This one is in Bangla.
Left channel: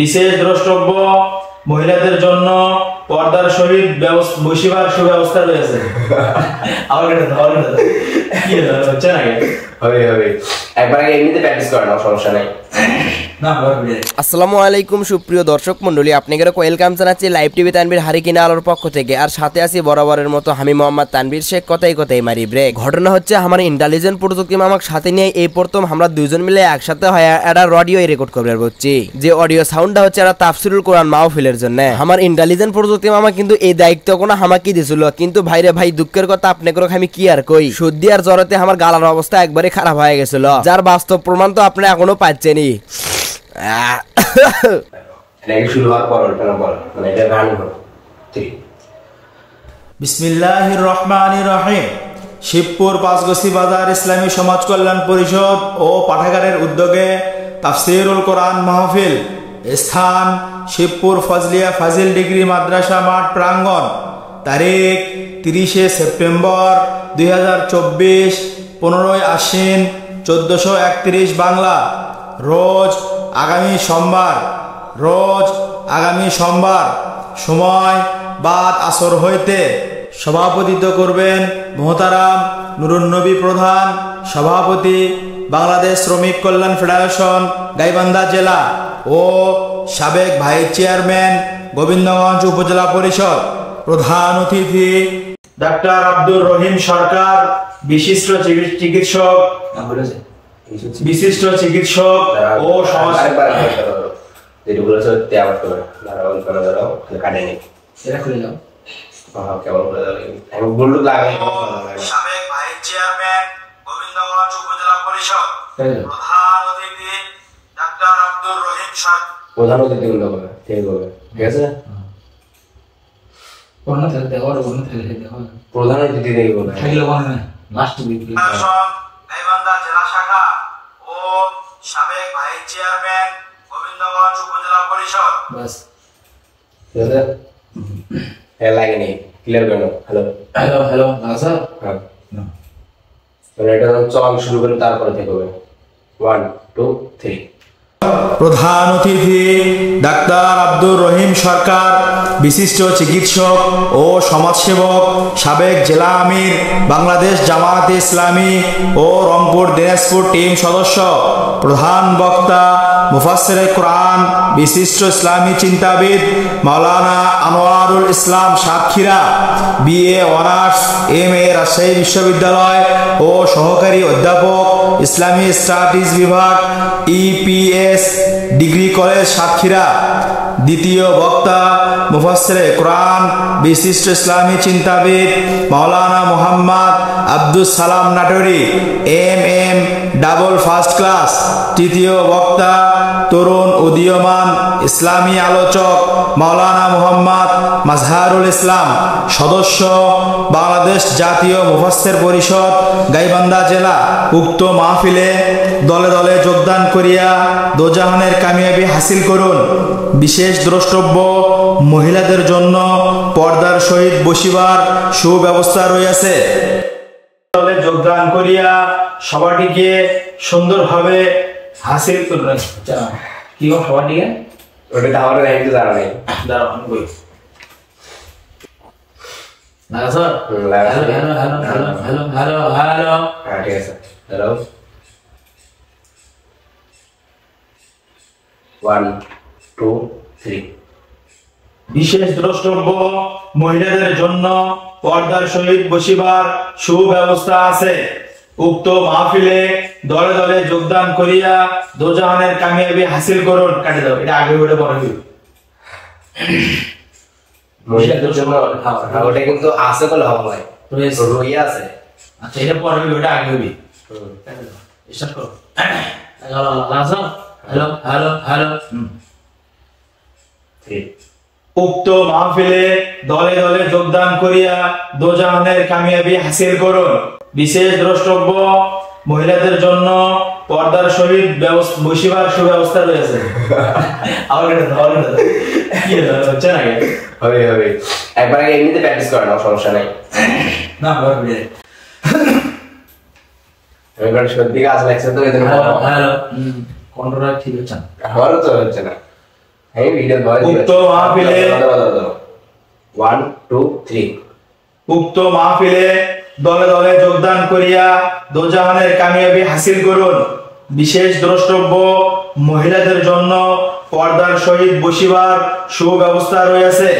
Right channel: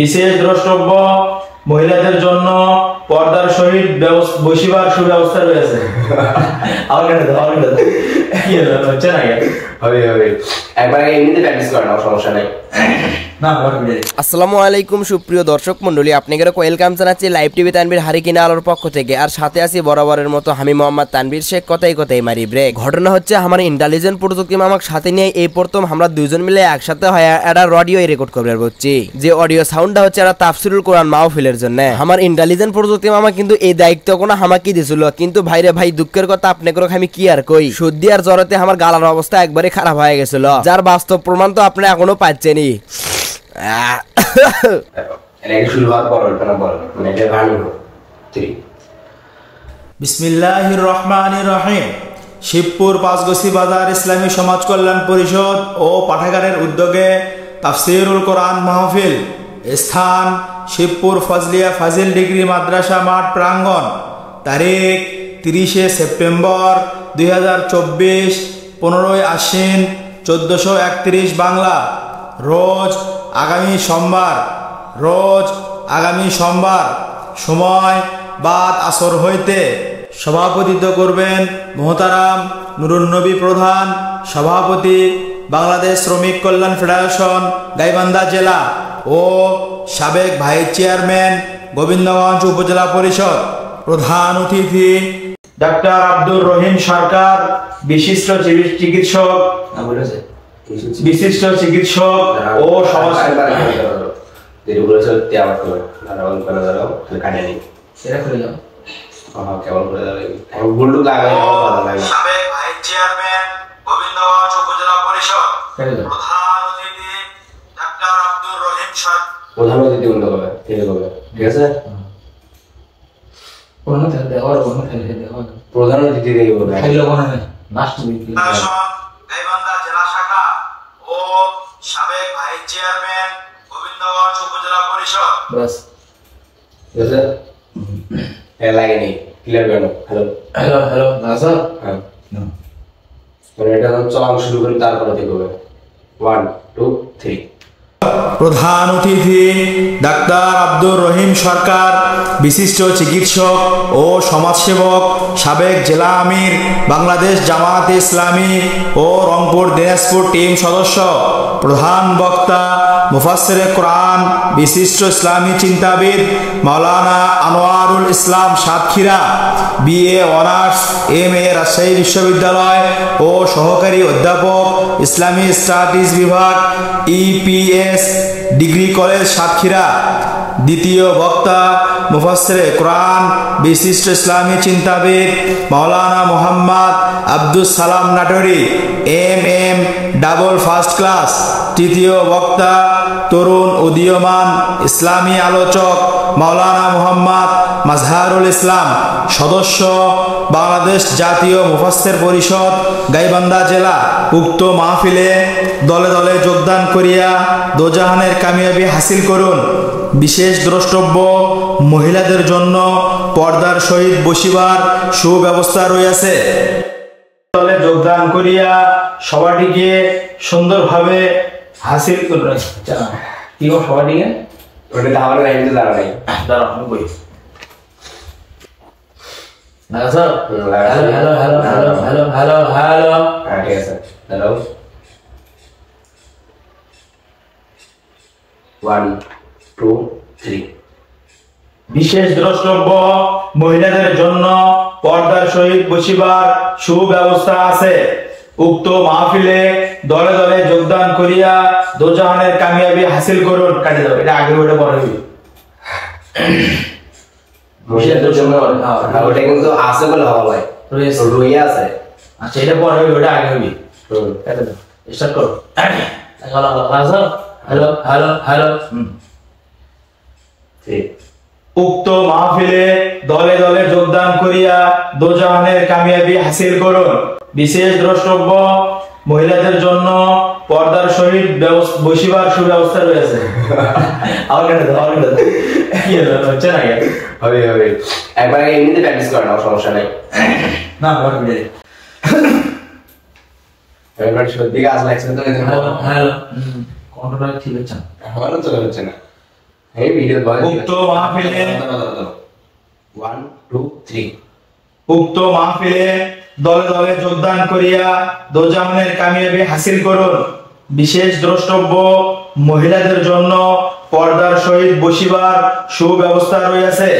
বিশেষ দ্রষ্টব্য মহিলাদের জন্য পর্দার সহিত বসিবার সুব্যবস্থা রয়েছে। আসসালামু আলাইকুম সুপ্রিয় দর্শক মন্ডলী, আপনাদের ওয়েলকাম জানাচ্ছি লাইভ টিভি তানভীর হারিকিনা আলোর পক্ষ থেকে। আর সাথে আছি বরাবরের মতো আমি মোহাম্মদ তানভীর শেখ। কথাই মারি ব্রেক। ঘটনা হচ্ছে আমার ইন্টেলিজেন্ট প্রযুক্তি মামাক সাথে নিয়ে এই প্রথম আমরা দুইজন মিলে একসাথে হয় একটা অডিও রেকর্ড করবে বলছি। যে অডিও সাউন্ডটা হচ্ছে একটা তাফসিরুল কোরআন মাহফিলের জন্য। আমার ইন্টেলিজেন্ট প্রযুক্তি মামা কিন্তু এই দায়িত্ব কোনো আমাকে দিয়েছিল, কিন্তু ভাইরে ভাই দুঃখের কথা আপনাকে আমি কি আর কই, সর্দি আর জ্বরতে আমার গালার অবস্থা একবারে খারাপ হয়ে গেছিল, যার বাস্তব প্রমাণ তো আপনি এখনো পাচ্ছেনই। বিসমিল্লাহির রহমানির রহিম। শিবপুর পাঁচগছি বাজার ইসলামী সমাজ কল্যাণ পরিষদ ও পাঠাগারের উদ্যোগে তাফসিরুল কোরআন মাহফিল। স্থান শিবপুর ফজলিয়া ফাজিল ডিগ্রি মাদ্রাসা মাঠ প্রাঙ্গণ। তারিখ 30শে সেপ্টেম্বর 2024, 15ই আশ্বিন 1431 বাংলা। রোজ আগামী সোমবার সময় বাদ আসর হইতে। সভাপতিত্ব করবেন মোহতারাম নুরুন নবী প্রধান, সভাপতি বাংলাদেশ শ্রমিক কল্যাণ ফেডারেশন গাইবান্ধা জেলা ও সাবেক ভাইস চেয়ারম্যান গোবিন্দগঞ্জ উপজেলা পরিষদ। প্রধান অতিথি ডাক্তার আব্দুর রহিম সরকার, বিশিষ্ট চিকিৎসক ও প্রধান অতিথি ঠিক আছে। প্রধান অতিথি গাইবান্ধা জেলা শাখা ও সাবেক ভাইস চেয়ারম্যান গোবিন্দগঞ্জ উপজেলা পরিষদ। বাস ঠিক আছে, লাগেনি ক্লিয়ার কেন? হ্যালো না স্যার। হ্যাঁ, এটা চলান শুরু করে তারপরে দেখবে 1 2 3। প্রধান অতিথি ডাক্তার আব্দুর রহিম সরকার, বিশিষ্ট চিকিৎসক ও সমাজসেবক, সাবেক জেলা আমির বাংলাদেশ জামায়াতে ইসলামী ও রংপুর দিনাজপুর টিম সদস্য। প্রধান বক্তা মুফাসসিরে কোরআন, বিশিষ্ট ইসলামী চিন্তাবিদ মাওলানা Anwarul Islam Satkhira, BA honours MA Rajshahi বিশ্ববিদ্যালয় ও সহকারী অধ্যাপক ইসলামী স্টাডিজ বিভাগ EPS ডিগ্রি কলেজ সাতক্ষীরা। দ্বিতীয় বক্তা মুফাসসিরে কোরআন, বিশিষ্ট ইসলামী চিন্তাবিদ মাওলানা Mohammad Abdus Salam নাটোরি MM double first class. তৃতীয় বক্তা তরুণ উদীয়মান ইসলামী আলোচক মাওলানা মোহাম্মদ মাজহারুল ইসলাম, সদস্য বাংলাদেশ জাতীয় মুফাসসির পরিষদ গাইবান্ধা জেলা। উক্ত মাহফিলে দলে দলে যোগদান করিয়া দোজাহানের কামিয়াবি হাসিল করুন। বিশেষ দ্রষ্টব্য মহিলাদের জন্য পর্দার সহিত বসিবার সুব্যবস্থা রয়েছে। দলে যোগদান করিয়া সবাটিকে সুন্দরভাবে হাসিল করুন। কি সবাটিকে ওটা তাহলে লাইনে দাঁড়াই দাঁড়াও বই না স্যার। হ্যালো হ্যাঁ ঠিক আছে। হ্যালো 1 2 3। বিশেষ দ্রষ্টব্য মহিলাদের জন্য পর্দার সহিত বসিবার সুব্যবস্থা আছে। উক্ত মাহফিলে দলে দলে যোগদান করিয়া দোজাহানের কামিয়াবি হাসিল করুন। কাটে যাবে, এটা আগে ওটা পরে হইবে। ওটা কিন্তু আছে বলে ভালো হয়, রইয়া আছে। আচ্ছা, এটা পরে হইবে, ওটা আগে হইবে। কাটে দাও, স্টার্ট করো। হ্যালো। উক্ত মাহফিলে দলে দলে যোগদান করিয়া দোজাহানের কামিয়াবি হাসিল করুন। বিশেষ দ্রষ্টব্য মহিলাদের জন্য পর্দার সহিত বসিবার সুব্যবস্থা রয়েছে। একবার এমনিতে প্র্যাকটিস করেন, সমস্যা নেই। না এবার সত্যি কাজ লাগছে তো। হ্যালো কন্ট্রোলার ঠিক হচ্ছে না। আমারও তো হচ্ছে না। এই ভিডিও উক্ত মাহফিলে 1 2 3 উক্ত মাহফিলে দলে দলে যোগদান করিয়া দোজাহানের কামিয়াবি হাসিল করুন। বিশেষ দ্রষ্টব্য, মহিলাদের জন্য পর্দার সহিত বসিবার সুব্যবস্থা রয়েছে।